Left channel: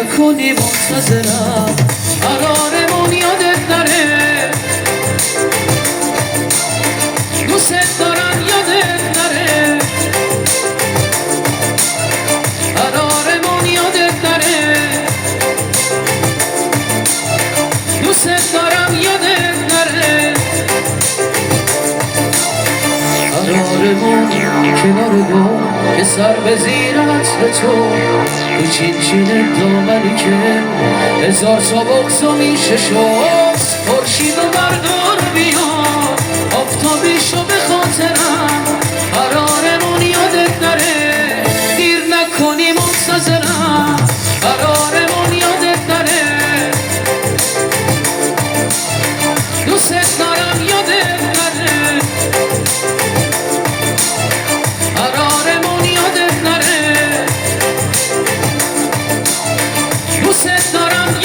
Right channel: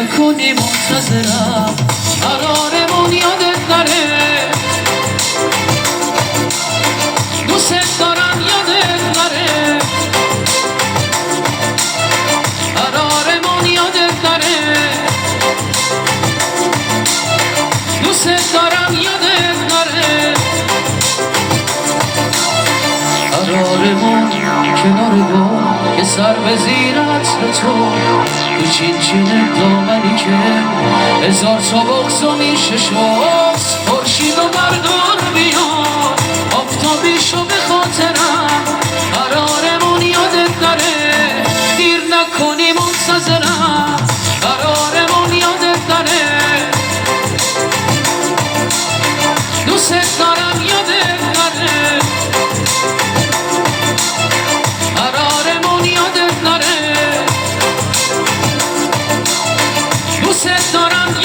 نکنی منتظرم قرارمون یادت نره دوست دارم یادت نره قرارمون یادت نره دوست دارم یادت نره قرارمون کنار دو که سر به زیر عطر تو چین دامنی که هزار تا بغض و میشه شست خورشید و بردار بیار آفتابیشو به خاطرم قرارمون یادت نره دیر نکنی منتظرم قرارمون یادت نره دوست دارم یادت نره قرارمون یادت نره دوست دارم